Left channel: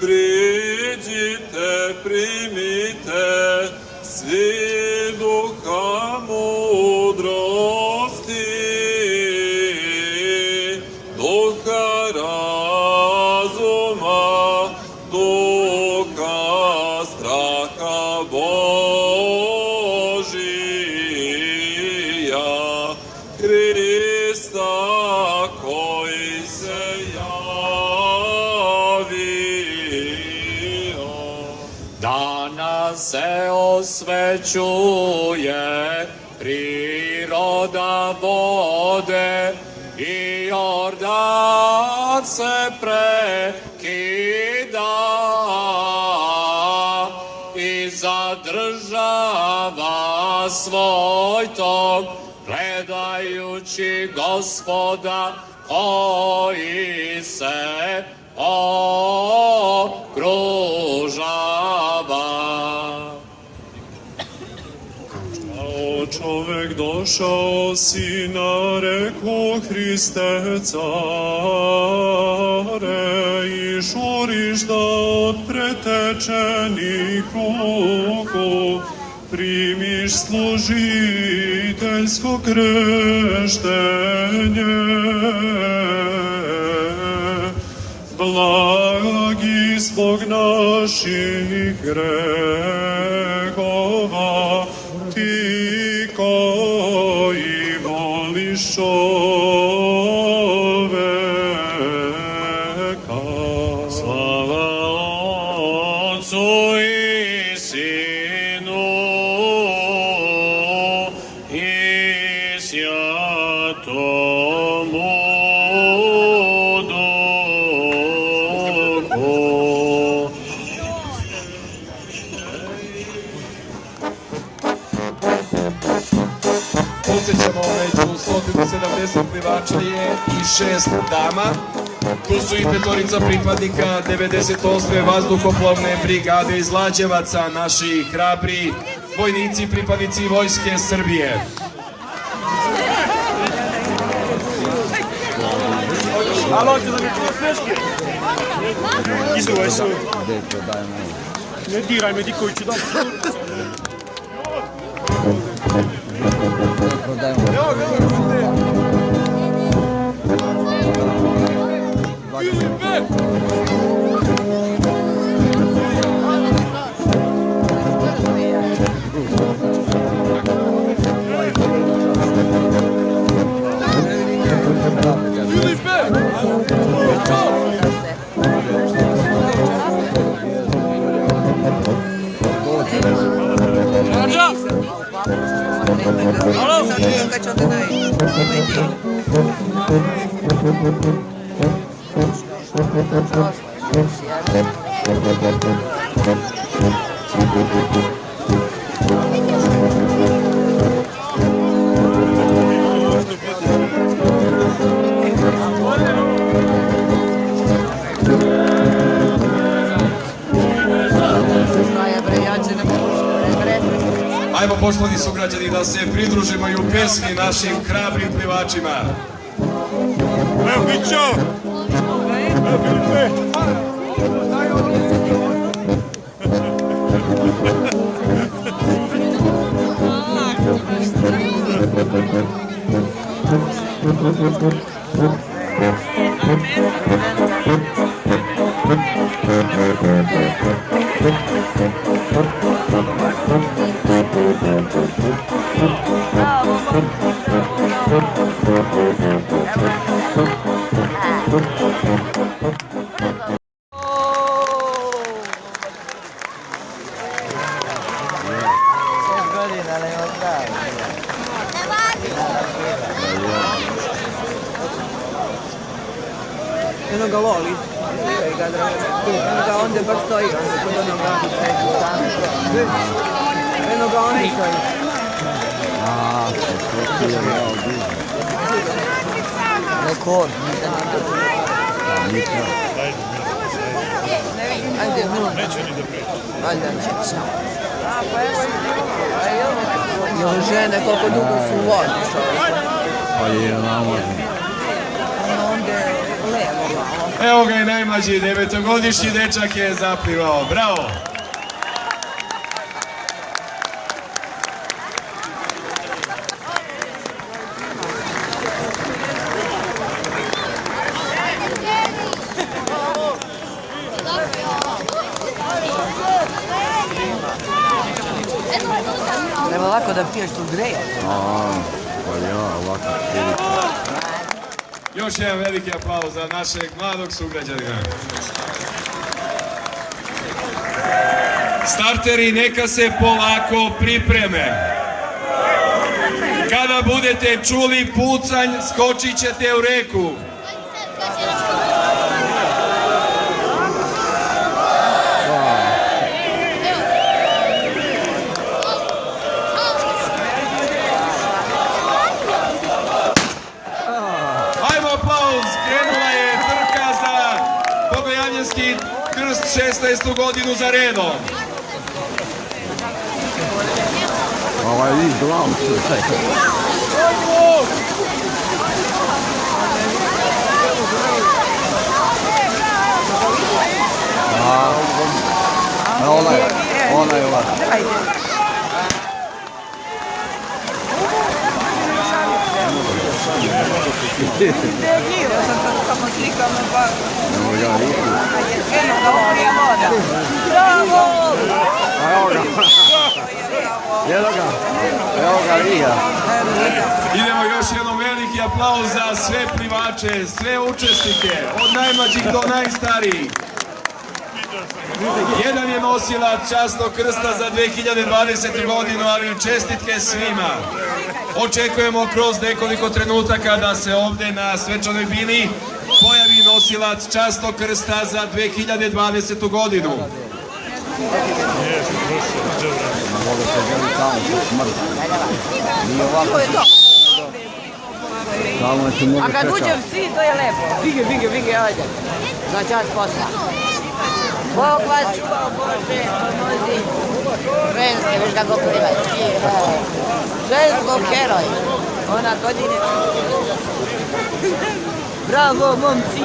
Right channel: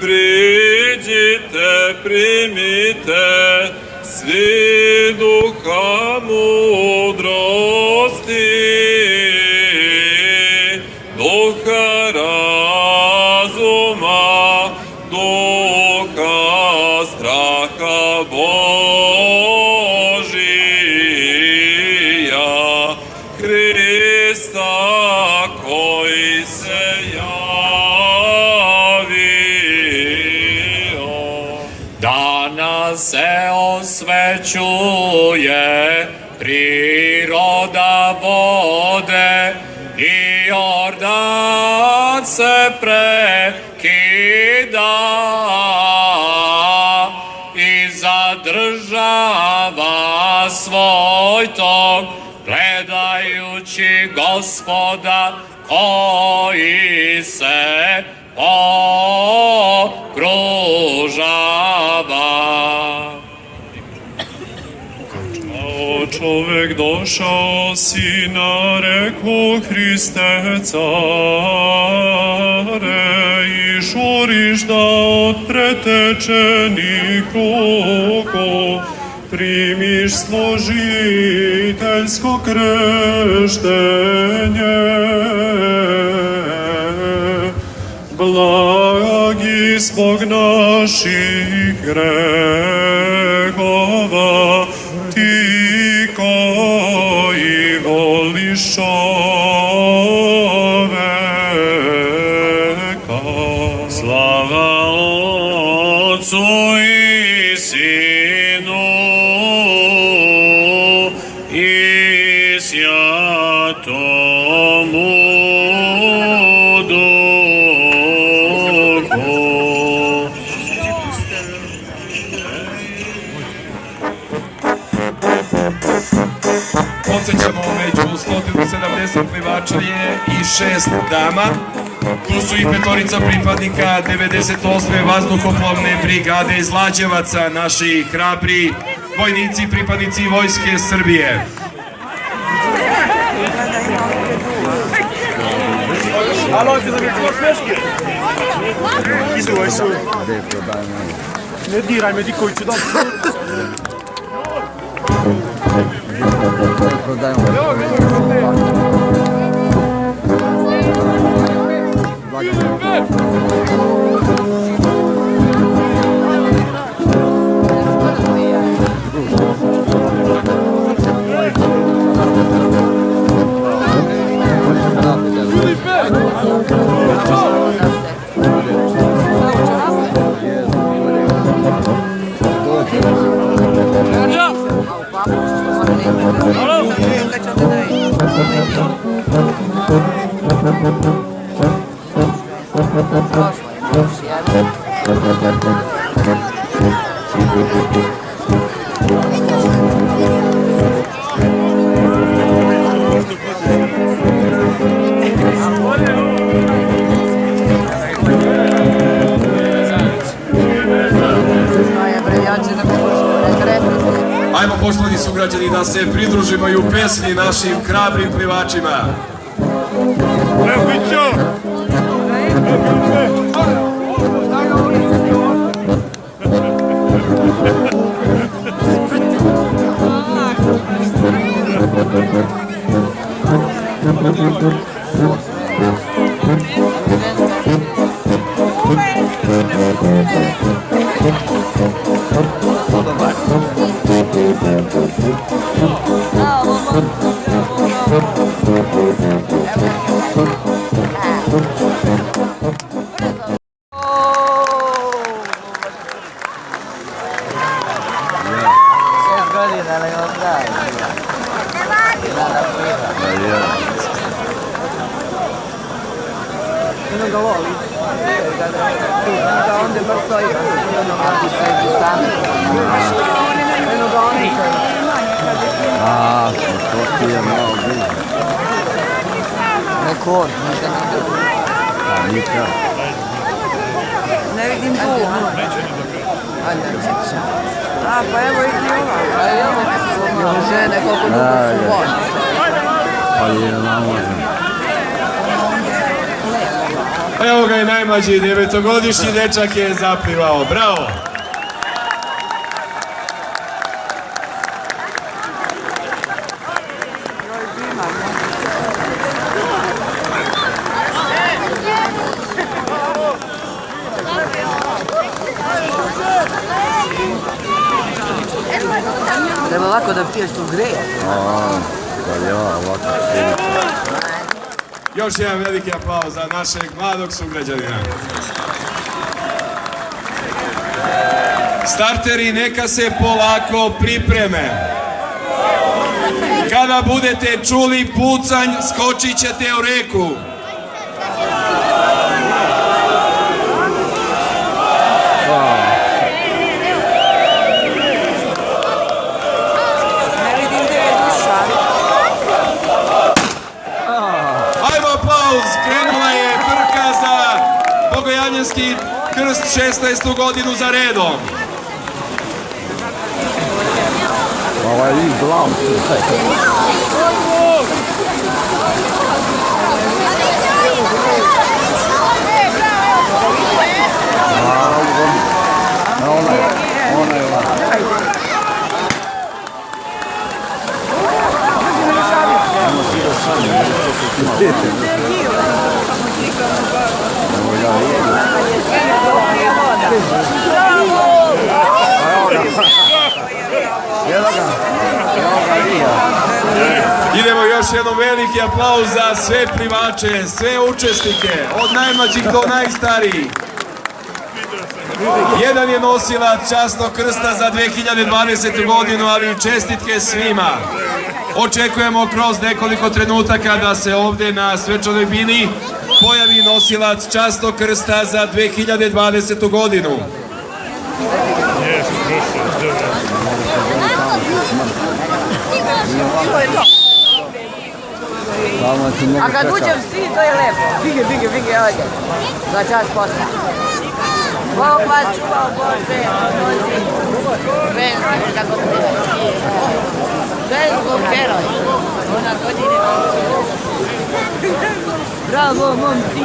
Priđite, primite svi duha mudrosti, duha razuma, duha straha Božija, Hrista koji se danas se osvećuje priroda vode i Jordan se prekida i zadržava svoj tok gledajući Gospoda koji se okružava. Kao čovek došao si na reku Hriste care i žuriš da od pretečenih ruku primiš služiteljsko krštenje. Blagi zbog naših grehova, ti koji voliš čoveka. Slava Otcu i Sinu i Svjatomu Podsećamo među 170 plivačije i 6 dama. Tu su i petorica pripadnika 98. vazduhoplovne brigade iz Lađevaca, naši hrabri vojnici, pripadnici Vojske Srbije. Ne diraj me, Diković, da. Prodajemo. Ajmo, poštovani sugrađani, da se pridružimo i u pesmi našim hrabrim plivačima. Rekord. Nikad. Ne vidim tu. Žene kako dugo su vožne. Pa je na možem. Evo ga i najmlađi, 9-godišnji dečak je zaplivao. Bravo! Treba ovako da piješ tu greja. Pa ja, ovako Još jedan veliki aplauz za našeg mladog sugrađanina. Starteri neka se polako pripreme. Kada budete čuli pucanj, skočit ćete u reku. Ajmo aplauz, krenula je trka za Bogojavljanski krst 16. godinu za redom. Ovo je iz glav. Ona je ova. Idemo još jednom veliki aplauz za sve plivače, sve učesnike, od najmlađih do najstarijih. Jedan je nosilac časnog krsta za 2020. godinu, ali čestitke svima. Očekujemo kroz nekoliko trenutaka da se ovdje na svečanoj bini pojavi nosilac časnog krsta za 2020. godinu. A kad uđem svi, to je lepo. Bige, ajde. Da čas posla. Popačko, Bože, ženski, kako se zove. Žensko heroj. Ona godine. Bravo, momci.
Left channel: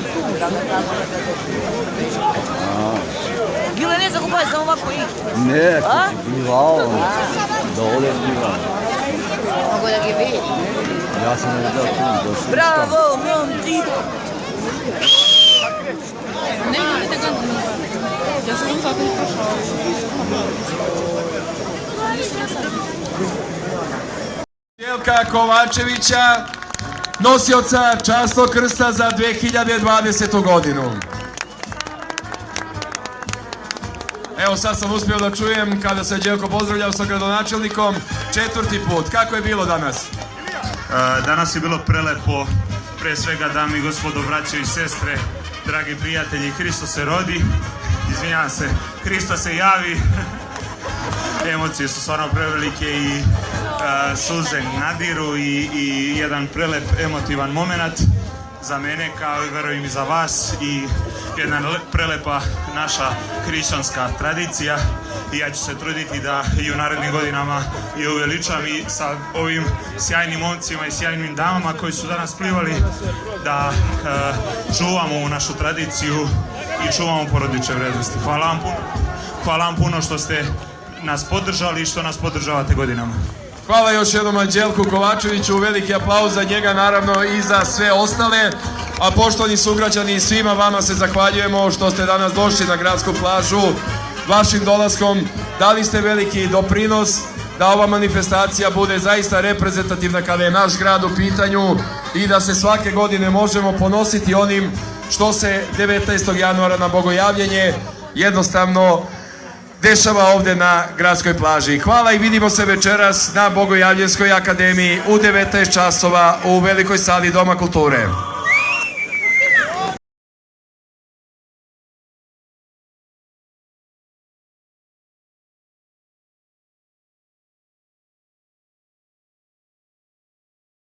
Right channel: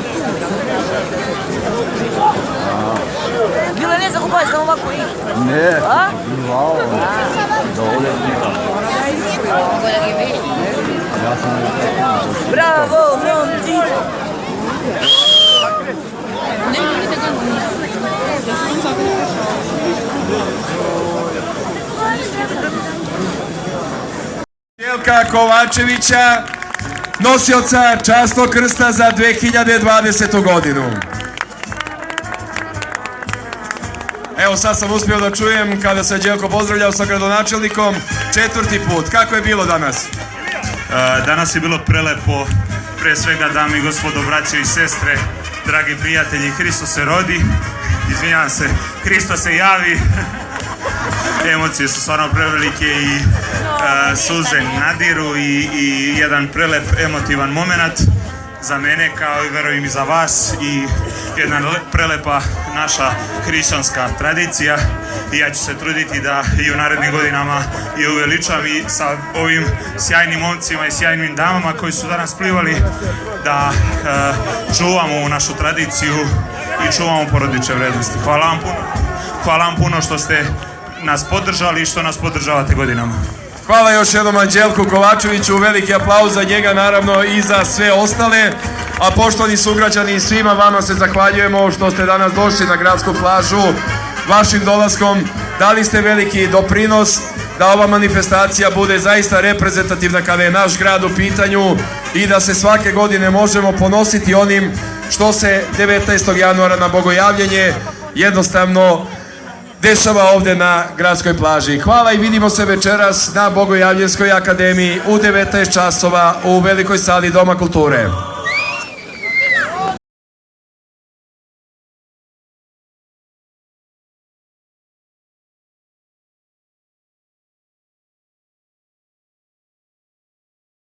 Bila ne zakupaj, samo ovako i. Ne, glavo. Dole glavo. Ja sam Bravo, momci. Jelka Kovačevića, nosioca časnog krsta za 2020. godinu. Evo sad sam uspio da čujem kada se Đelko pozdravljao sa gradonačelnikom 4. put. Kako je bilo danas? Danas je bilo prelepo, pre svega dame i gospodo, braće i sestre, dragi prijatelji, Hristo se rodi, izvinjavam se, Hristo se javi, emocije su stvarno prevelike i suze nadiru i jedan prelep emotivan moment za mene, kao i verujem i za vas, i jedna prelepa naša hrišćanska tradicija, i ja ću se truditi da i u narednim godinama i uveličam i sa ovim sjajnim momcima i sjajnim damama koji su danas plivali, da čuvamo ovu našu tradiciju i čuvamo porodične vrednosti. Hvala vam puno što ste nas podržali i što nas podržavate godinama. Hvala još jednom Anđelku Kovačeviću, veliki aplauz za njega, naravno i za sve ostale. A poštovani sugrađani, svima vama se zahvaljujemo što ste danas došli na gradsku plažu. Vašim dolaskom dali ste veliki doprinos da ova manifestacija bude zaista reprezentativna kada je naš grad u pitanju i da se svake godine možemo ponositi onim što se 19. januara na Bogojavljenje jednostavno dešava ovdje na gradskoj plaži. Hvala i vidimo se večeras na Bogojavljenskoj akademiji u 19 časova u velikoj sali Doma kulture.